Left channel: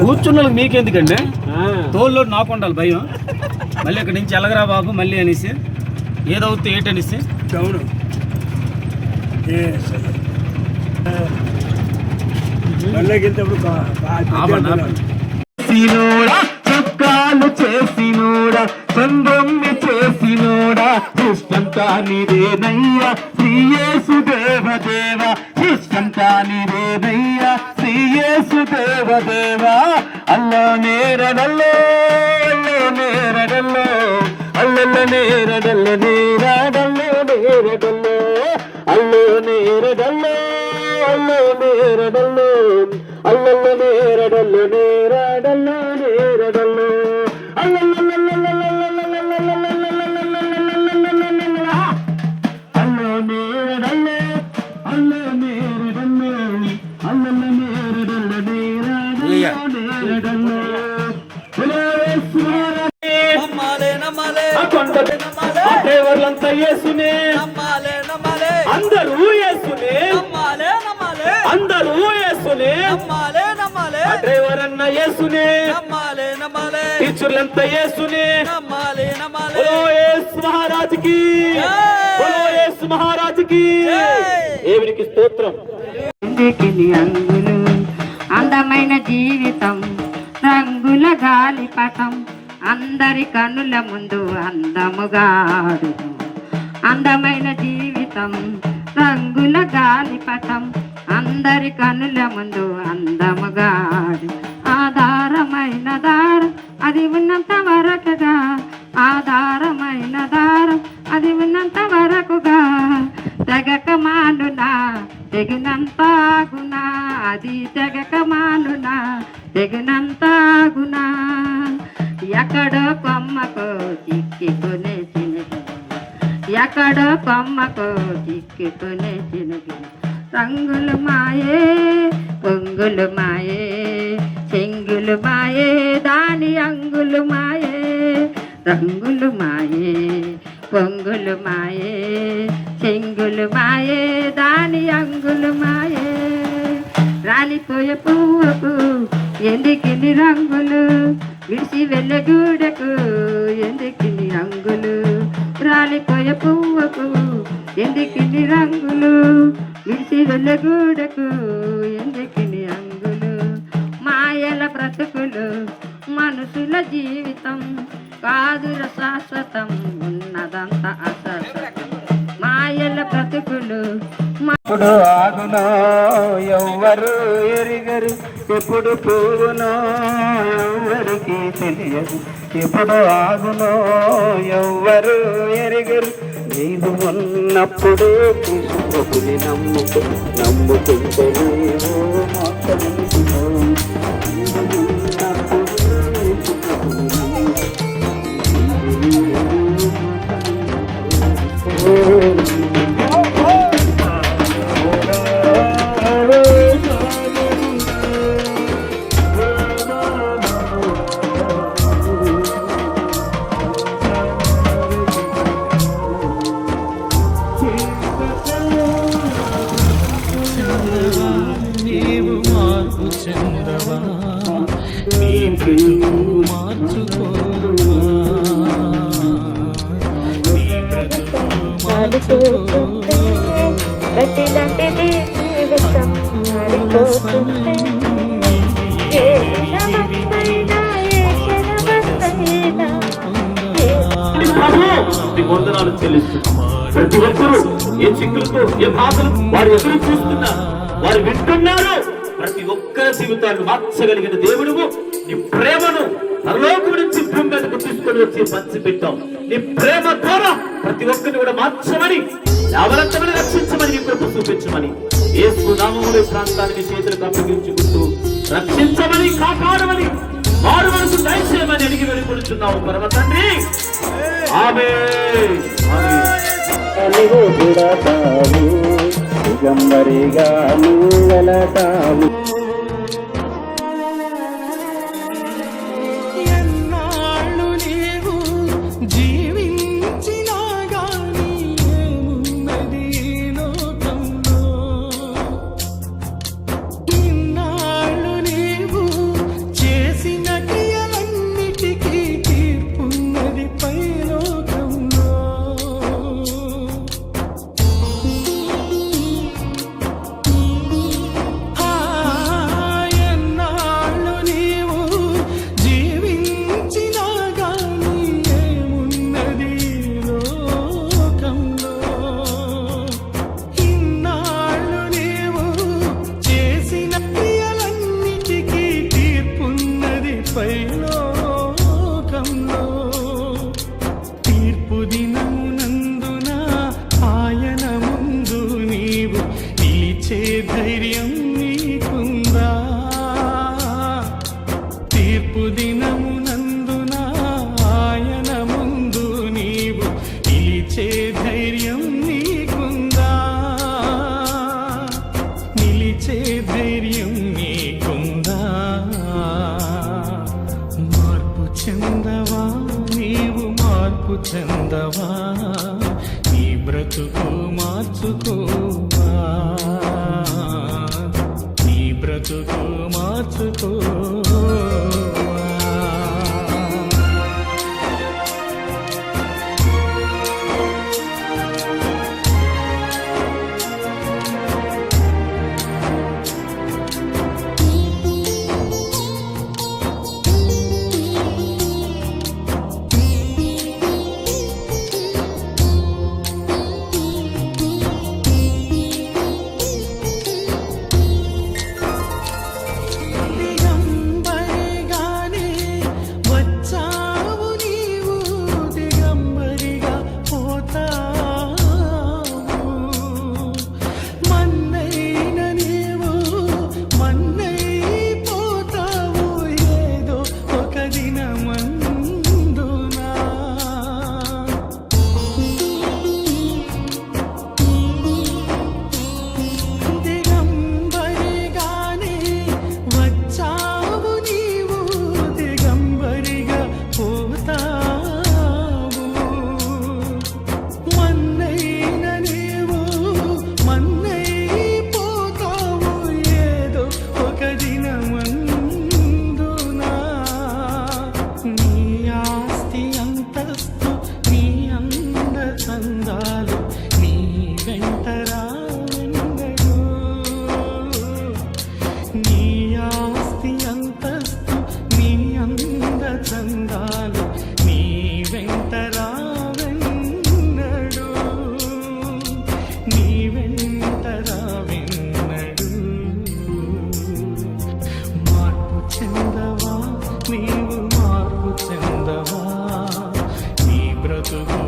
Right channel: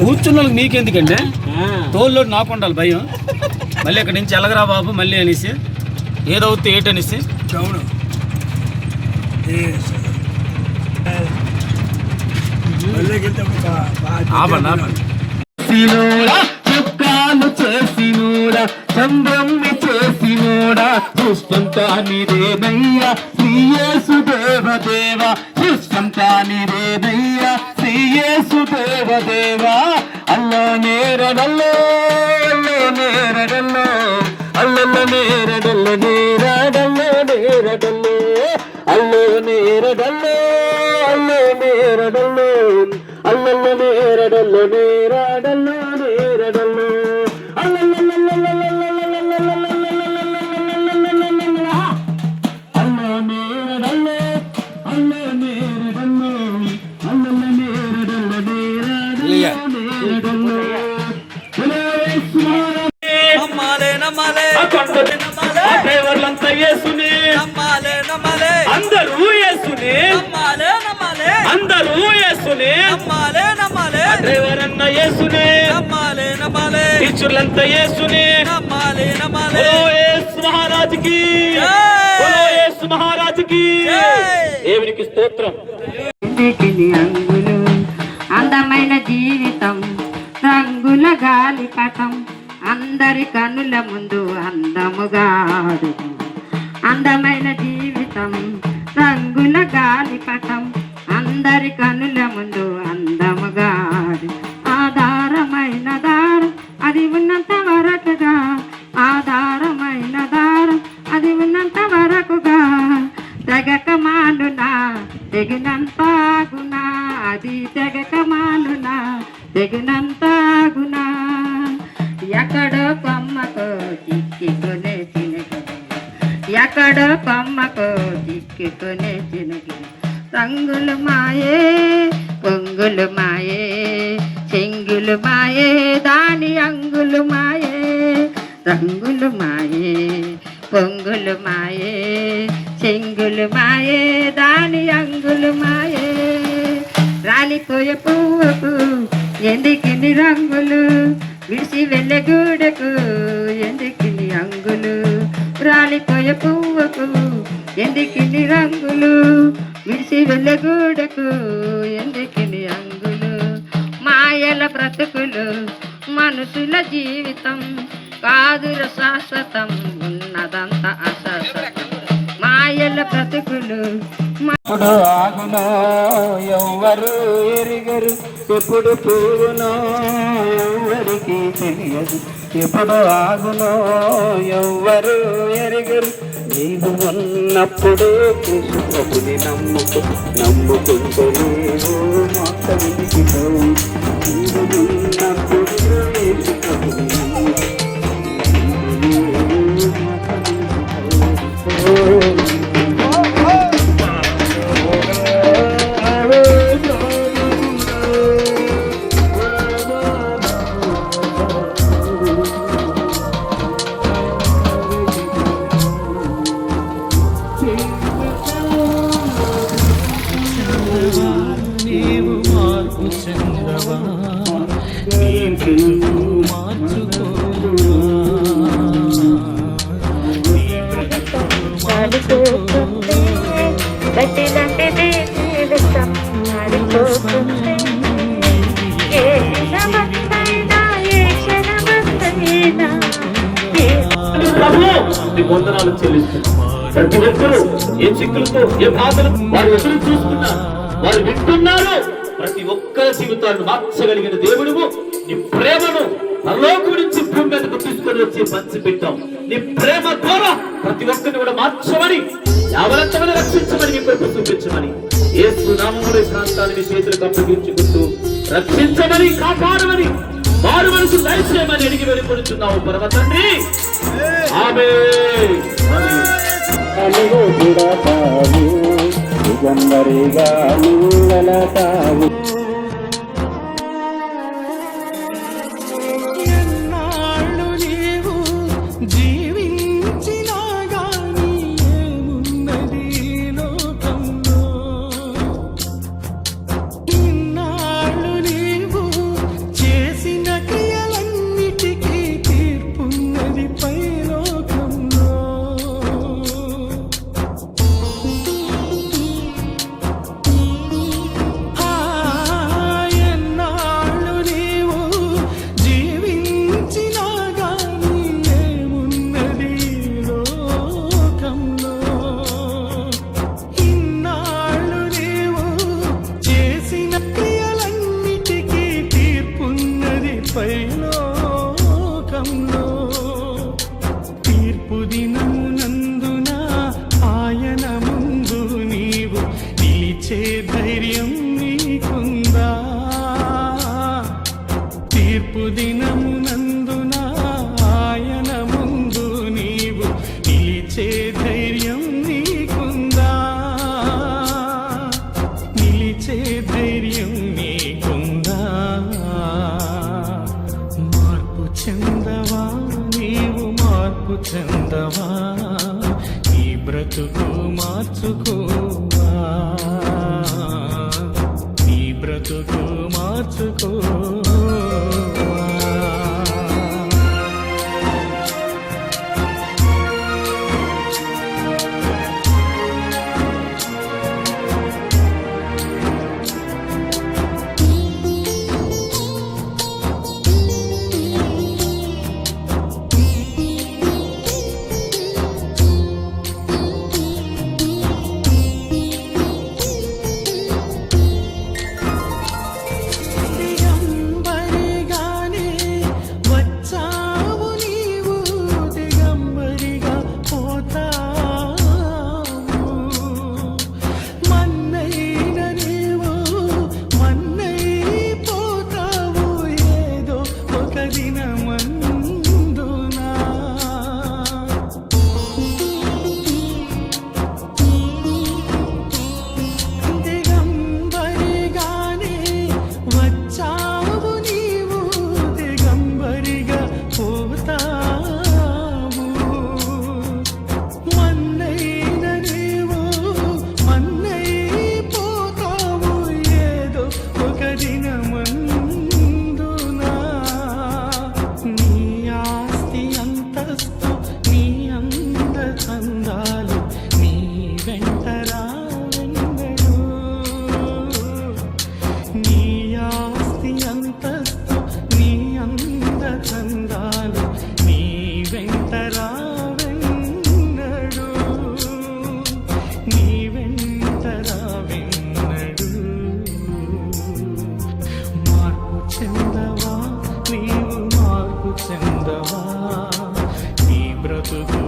కూర్చున్న వాళ్ళకి మీకెందుకండి, తోళ్ళు నాకు ఉండాలి భయం. మళ్ళీ ఇక్కడి నుంచి ఎలగరా బాబు మళ్ళీ అనేసి ఏదవుతే ఏటనేసి చౌడు చుక్కాలు చేసినోడా సందమ్మి చేసినోడా ఇష్టం కానిదేనయ్యా శ్రీయేసు దేవదేవ ఇష్టం కానిదేనయ్యా శ్రీయేసు దేవదేవ అల్లో నేరడల్లో నేరడల్లో అల్లల్ల నేరడల్ల నేరాడల్లో నేరడల్లో అల్లో నేరడల్లో అల్లో నేరడల్లో అల్లల్ల నేరడల్ల నేరాడల్లో నేరడల్లో డ్రైవర్లంతా యేసునే అందరూ యేసునే అందరూ యేసునే డ్రైవర్ అన్న యేసునే టీచర్లంతా యేసునే మహారాజుకి మహారాజుకి దేవునికి స్తోత్రం. అందమైన జీవితం రంగుల గాలిపటం అందరి కనుల ముందు అందముగా అందమైన జీవితం రంగుల గాలిపటం అందరి కనుల ముందు అందముగా ఆధారమైన దారం అది ఉన్నంత వరకుగా ఆధారమైన దారం అది ఉన్నంత వరకుగా తెగక మానునా తెగినంత గుణా అది తెగక మానునా తెగినంత గుణా ఎక్కడో కొమ్మకో చిక్కుకునే చినుకు ఎక్కడో కొమ్మకో చిక్కుకునే చినుకు రంగులు మాయే పొంగులు మాయే చెంగులు మాయే దాని అంగులు మాయే రంగులు మాయే పొంగులు మాయే చెంగులు మాయే దాని అంగులు మాయే రాలిపోయే పువ్వుకు ఎందుకిని రంగులు విడిసి వెళ్ళే గూడెకు ఎందుకిని అంగులు రాలిపోయే పువ్వుకు ఎందుకిని రంగులు విడిసి వెళ్ళే గూడెకు ఎందుకిని అంగులు మాయల బ్రతుకులు మనుషుల జీవితం కాదుర శాశ్వతం ఉన్నదంత అశాశ్వతం మాయల బ్రతుకులు ఎప్పుడు ఆగునో ఎవ్వరు ఎరిగరు ఎప్పుడు పూగునో ఎవ్వరికి తెలియదు ఎప్పుడు ఆగునో ఎవ్వరు ఎరిగరు నీవు ఉన్నప్పుడే కృష్ణుని నమ్ముకుంటే నీవు మొత్తనికి నీవు ఉన్నప్పుడే నీవు మార్పు చెందవా నీ బ్రతుకు మార్చుకో నీ బ్రతుకు మార్చుకో వందనాలు చెల్లిస్తున్నాం. ప్రతి ఒక్కరూ ఏ చిక్కులతో ఏ బాధలు వారు ఎదురు చూస్తున్నా వారు వింటున్నారు. ప్రతి ఒక్కరి జీవితాన్ని మార్చగలిగిన దేవుడువు నీ ప్రేమను పరలోకం నుంచి భూమి మీదకు తీసుకొని వచ్చి పంచిపెట్టాం. నీ ప్రేమ ద్వారా ప్రతి ఒక్కరిని కూడా మార్చమని యావరంతమని రక్షించమని నీ కృప చూపించమని యేసు నామములో ప్రాంతాన్ని చేతులకు అప్పగించుకుంటూ రక్షించమని కాపాడమని వారు మనకు దయచేయమని అడిగి వెళ్ళిపోతున్నావు పరమ తండ్రి. ఆమేన్. దిగంబరిగా వెళతావు ఎన్నాళ్ళు నీవు జీవించినా గాని ఏమున్నది లోకంలో ఇన్నాళ్ళు నీవు ధైర్యం నీకుందా? తీర్పు దినమునందున ఆయన ముందు నీవు నిలిచే ధైర్యం నీకుందా? నిలిచే ధైర్యం నీకుందా? మార్పు చెందవా నీవు, మార్పు చెందవా, నీ బ్రతుకు మార్చుకోవా, నీ బ్రతుకు మార్చుకోవా. చందాలు నీ వెంట రావెన్నడు, నీ ఆస్తి అంతస్తు నీ అంద చందాలు నీ వెంట రావెన్నడు, నీ వెంట రావెన్నడు. మార్పు చెందవా నీవు, మార్పు చెందవా, నీ బ్రతుకు